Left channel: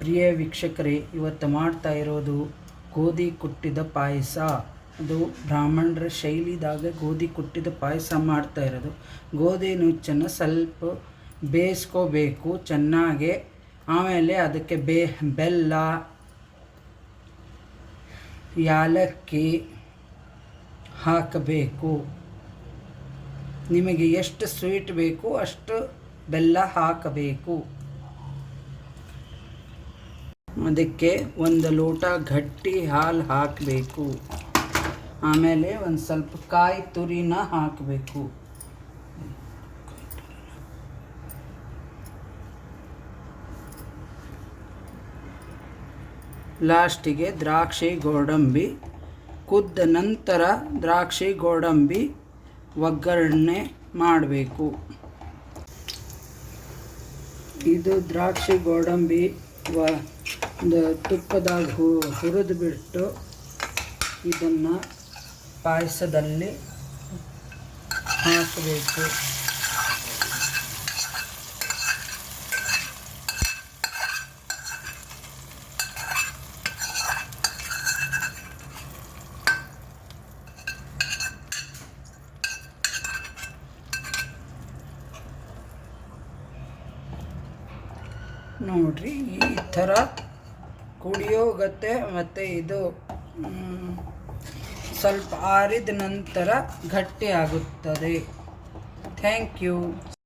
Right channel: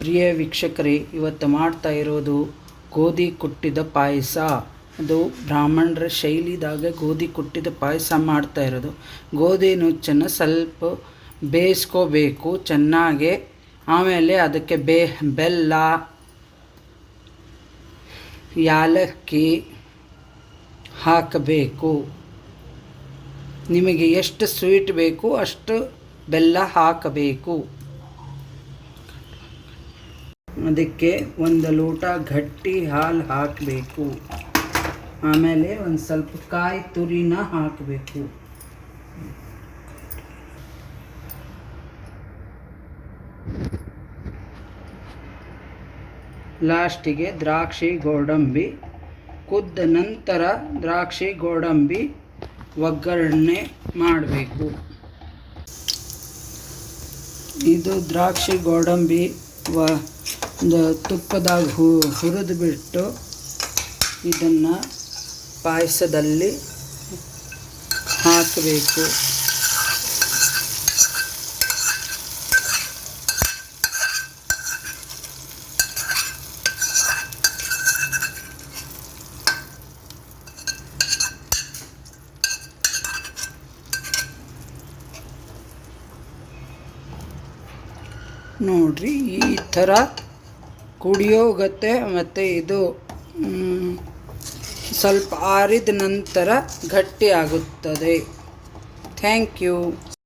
ಪ್ರಿಯ ವೀಕ್ಷಕರೇ, ಇವತ್ತು ಮಾಡ್ತಾ ಇರೋದು ಗೋಧಿ ಕುಟ್ಟಿದ ಪಾಯಸ. ಅದು ಬ್ರಾಹ್ಮಣರ ಶೈಲಿದಾಗ ಗೋಧಿ ಕುಟ್ಟಿದ ಪಾಯಸ ಮಾಡ್ತಾ ಇರೋದು. ಗೋಧಿ ನುಚ್ಚನ್ನು ಸ್ವಲ್ಪ ಬೇಯಿಸ್ಕೋಬೇಕು ಚೆನ್ನಾಗಿ. ಆಮೇಲೆ ಅದಕ್ಕೆ ಬೆಲ್ಲ, ಯಾಲಕ್ಕಿ ಹಾಕಬೇಕು. ನಿಮಗೆ ಎಷ್ಟು ಸ್ವೀಟ್ ಬೇಕು ಅಷ್ಟು ಬೆಲ್ಲ ಹಾಕಬೇಕು. ಅದಕ್ಕೆ 1 ಲೋಟ ಗಟ್ಟಿ ಹಾಲು ಹಾಕಬೇಕು. ಆಮೇಲೆ ಒಂದು ಸ್ವಲ್ಪ ಕಾಯಿ ತುರಿನ ಹಾಕಬೇಕು. ಲಾಸ್ಟಿಗೆ ದ್ರಾಕ್ಷಿ ಗೋಡಂಬಿ. ಕುದ್ದ ನಂತರ ದ್ರಾಕ್ಷಿ ಗೋಡಂಬಿ ಒಗ್ಗರಣೆ ಮಾಡಬೇಕು. ಇದು ದ್ರಾಕ್ಷಿ ಗೋಡಂಬಿ ತುಪ್ಪದಾಗ ಹುರಿದು ಬಿಟ್ಟು ಇದನ್ನು ಪಾಯಸದಲ್ಲಿ ಹಾಕಬೇಕು. ನೋಡ್ರಿ, ಈ ಥರ ಕುಡಿಯೋಗತ್ತೆ. ಮತ್ತು ಇದು ಸ್ವಲ್ಪ ಆರಿದ ನಂತರ ಗಟ್ಟಿ ಆಗುತ್ತದೆ. Thank you.